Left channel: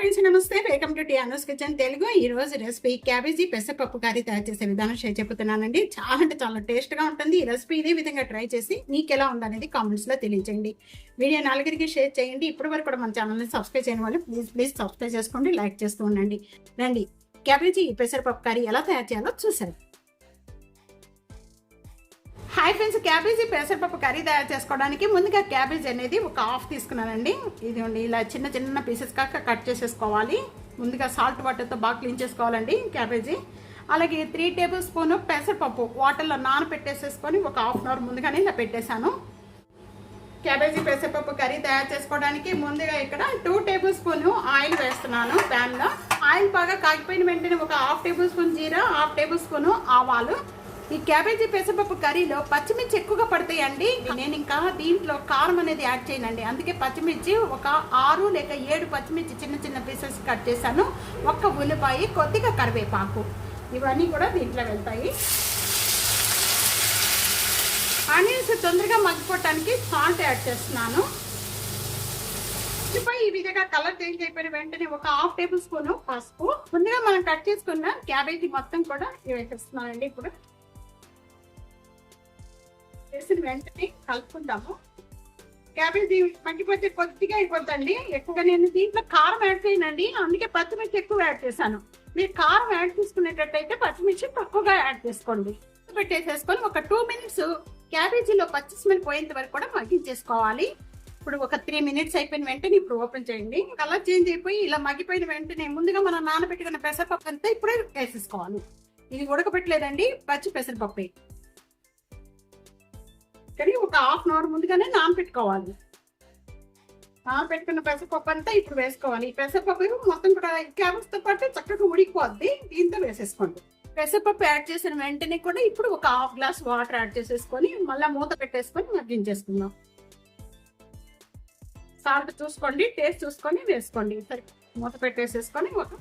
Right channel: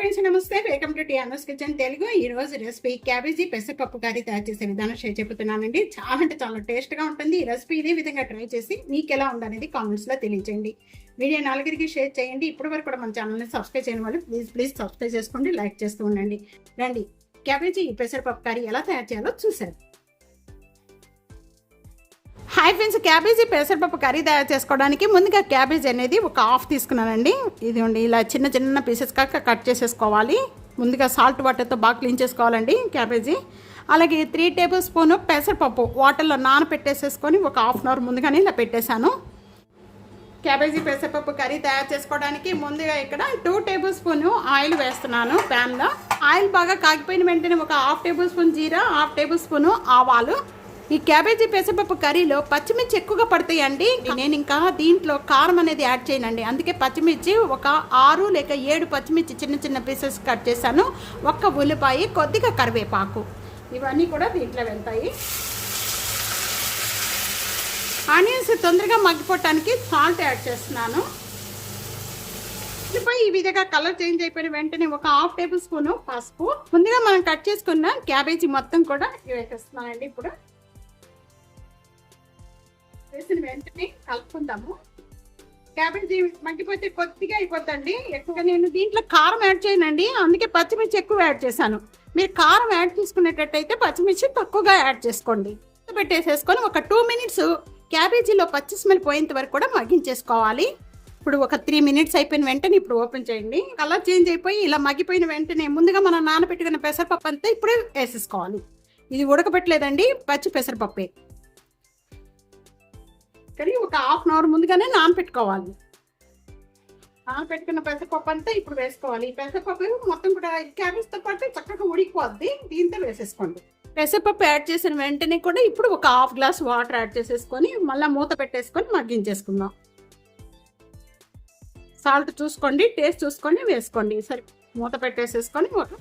Friends నమస్తే. Welcome to Tiano's kitchen Telugu ఈ రోజు రెసిపీ క్యాబేజీ పెసరపప్పు కర్రీ తయారు చేసే విధానం షేర్ చెబుతున్నానండి చాలా అంటే చాలా టేస్ట్గా ఉంటుంది. ఈ రెసిపీ ఇదే విధంగా ట్రై చేసి మీకు ఎలా ఉందనేది కామెంట్స్లో తెలియజేయండి. వీడియో నలుగురికి షేర్ చేయండి. ఇప్పటి వరకు కూడా మన ఛానల్ని సబ్స్క్రైబ్ చేయని వాళ్ళు ప్లీజ్ ప్లీజ్ సబ్స్క్రైబ్ చేసుకోండి. లైక్ చేస్తూ ఉండండి. రండి. క్యాబేజీ పెసరపప్పు కర్రీ ఎలా తయారు చేయాలో చూసారు హాయ్ ఫ్రెండ్స్ క్యాబేజీ పెసరపప్పు కర్రీ తయారు చేసుకోవడానికి ముందుగా క్యాబేజీ అనేది ఒక హాఫ్ తీసుకున్నానండి. ఇది ఉండి ఇలా చిన్న చిన్న పీసెస్ కాక కట్ చేసేసుకోవాలి. ముందుగా సాల్ట్ వాటర్తో బాగా క్లీన్ చేసుకోవాలండి క్యాబేజీ. అలాగే త్రీ టేబుల్ స్పూన్ పెసరపప్పు వాటర్లో నానబెట్టేసేసుకొని ఒక హాఫ్ అన్ అవర్ ముందుగానే ఇలా పెట్టేశాను. క్యాబేజీ పెసరపప్పు కర్రీ తయారు చేసుకోవడానికి ముందుగా ఇక్కడ టూ టేబుల్ స్పూన్ ఆయిల్ వేస్తున్నాను ప్యాన్లో. ఆయిల్ బాగా కాగిపోయిన వెంటనే ఒక హాఫ్ టేబుల్ స్పూన్ జీరా హాఫ్ టేబుల్ స్పూన్ ఆవాలు ఈ క్యాబేజీ పెసరపప్పు కర్రీలో పచ్చిమిర్చి ఎక్కువగా పడతాయండి. నేను ఇంకా దీంట్లో కారం అనేది యాడ్ చేయనండి. అందుకే పచ్చిమిర్చి ఒక ఆరు లేక ఏడు పచ్చిమిర్చి చిన్న చిన్న పీసెస్ కట్ చేశాను. ఒక్క ఉల్లిపాయ కొద్దిగా కరివేపాకు. ఇవన్నీ కూడా దీంట్లో వెళ్తాయి. ఆనియన్స్ తొందరగా మగ్గిపోవటానికి సాల్ట్ యాడ్ చేస్తున్నాను. ఉల్లిపాయ ఈ విధంగా కలర్ చేంజ్ అయిపోయిన వెంటనే ఒక హాఫ్ టేబుల్ స్పూన్ పసుపు. ముందుగా మనం కట్ చేసుకున్న క్యాబేజీ మొత్తం కూడా వేసేస్తున్నానండి ఇప్పుడు. వేసిన వెంటనే కలుపుకుందాము. క్యాబేజీ మగ్గిపోతే కొద్దిగా అయిపోద్దండి. ఎక్కువగా నేను దీంట్లో కారం యాడ్ చేయనండి. అందుకే పచ్చిమిర్చి ఎక్కువ యాడ్ చేశాను. మీరు కారం యాడ్ చేసుకునేటట్టయితే పచ్చిమిర్చి తక్కువగా యాడ్ చేసుకోండి. పెట్టేసేసుకొని ఒక టూ మినిట్స్ క్యాబేజీలో పచ్చి స్మెల్ పోయేంత వరకు కూడా మగ్గించేసుకోవాలి. ఇప్పుడు ఒక త్రీ మినిట్స్ అయిపోయిన వెంటనే ఇప్పుడు ఓపెన్ చేయండి. కలర్ చేంజ్ అయిపోయి ఇలా మగ్గిపోయిన వెంటనే ముందుగా మనం నానబెట్టుకున్న పెసరపప్పు అంతా ఇప్పుడు వేసేసుకోవాలి. ఇది ఉడకబెట్టలేదండి పచ్చి పెసరపప్పే. కానీ ఒక హాఫ్ అన్ అవర్ ముందుగానే నానపెట్టుకోవాలి నానబెట్టుకున్న పెసరపప్పు అంతా ఇప్పుడు వేసుకోవాలి. ఈ పెసరపప్పు మొత్తం కూడా క్యాబేజ్తో పాటు చక్కగా ఉడికిపోద్ది. దీంతో వేసేసుకోండి. పెసరపప్పు యాడ్ చేసిన వెంటనే కూడా ఇప్పుడు ఒక హాఫ్ గ్లాస్ వాటర్ యాడ్ చేసేసుకొని మళ్ళీ మూత పెట్టేసుకొని మగ్గించేసుకుందాం. సాల్ట్ చూసుకోండి టేస్ట్ చూసుకొని వేసుకోండి. సరే మూత పెట్టేసేసుకొని ఒక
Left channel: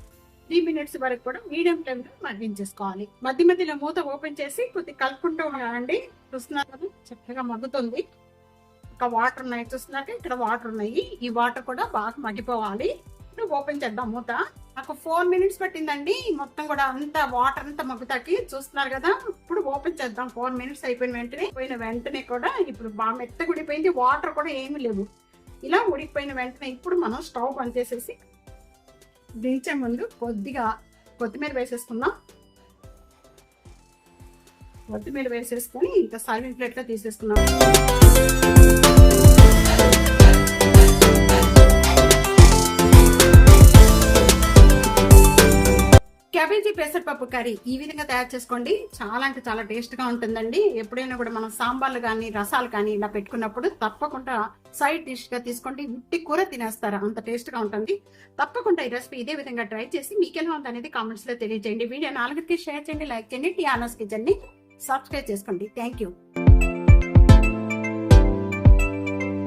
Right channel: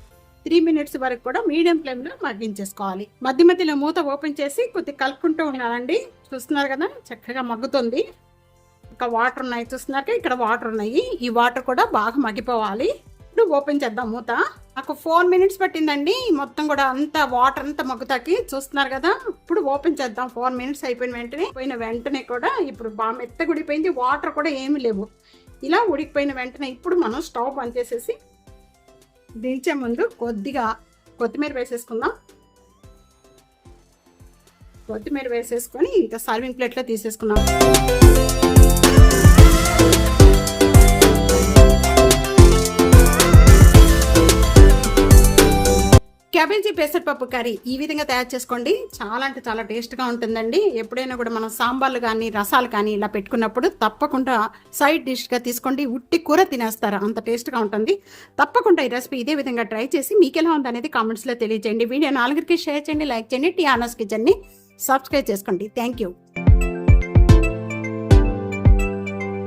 త్రీ మినిట్స్ వరకు కూడా మీడియం ఫ్లేమ్లో మగ్గించేసుకోవాలి. మధ్య మధ్యలో మూత ఓపెన్ చేసి కొద్దిగా కలుపుకుంటూ ఉన్నానండి చూస్తున్నారు కదా చక్కగా మగ్గుతుంది. ఇంకా వాటర్ ఉన్నాయి చూస్తున్నాక ఇక్కడ వాటర్ ఉన్నాయి. ఈ వాటర్ కూడా బాగా మగ్గిపోవాలి. ఇప్పుడు ఓపెన్ చేద్దాం మూత. నాకు ఫోర్ మినిట్స్ పట్టిందండి. మొత్తం కూడా అంతా వాటర్ అంతా మగ్గుతాకి చూస్తున్నారు కదా ఇప్పుడు ఓపెన్ చేద్దాం. ఫోర్ మినిట్స్ అయిపోయిన వెంటనే పోయిన వెంటనే కూడా ఇప్పుడు బాగా మెత్తగా ఉడిపోయింది వాటర్ కూడా ఏమీ లేవు. ఇలా ఉడికిపోయిన వెంటనే ఇప్పుడు మనం స్టవ్ ఆన్ చేసేసి దించే ముందు కొద్దిగా కొత్తిమీర వేసేసుకుందాం. కొత్తిమీర వేసేసుకొని ఇంకా సర్వింగ్ ప్లేట్లో తీసేసుకున్నాం పెసరపప్పు కర్రీ ఈ విధంగా తయారు చేసుకోండి. చాలా అంటే చాలా టేస్ట్గా ఉంటుందండి. ఎప్పుడైనా కూడా మనం సాంబార్లు కానీ రసాలు కానీ ఇలా పెట్టుకున్నప్పుడు తప్పకుండా సైడ్ డిష్గా తీసుకోండి. ఉట్టి కూర తినేస్తారు. అంత టేస్ట్గా ఉంటుంది. తప్పకుండా ఈ రెసిపీ ఇదే విధంగా ట్రై చేసి మీకు ఎలా ఉందనేది కామెంట్స్లో తెలియజేయండి. వీడియో నాలుగురికి షేర్ చేయండి లైక్ చేయండి టీ ఆనర్స్ కిచెన్ని సబ్స్క్రైబ్ చేసుకోండి. Thank you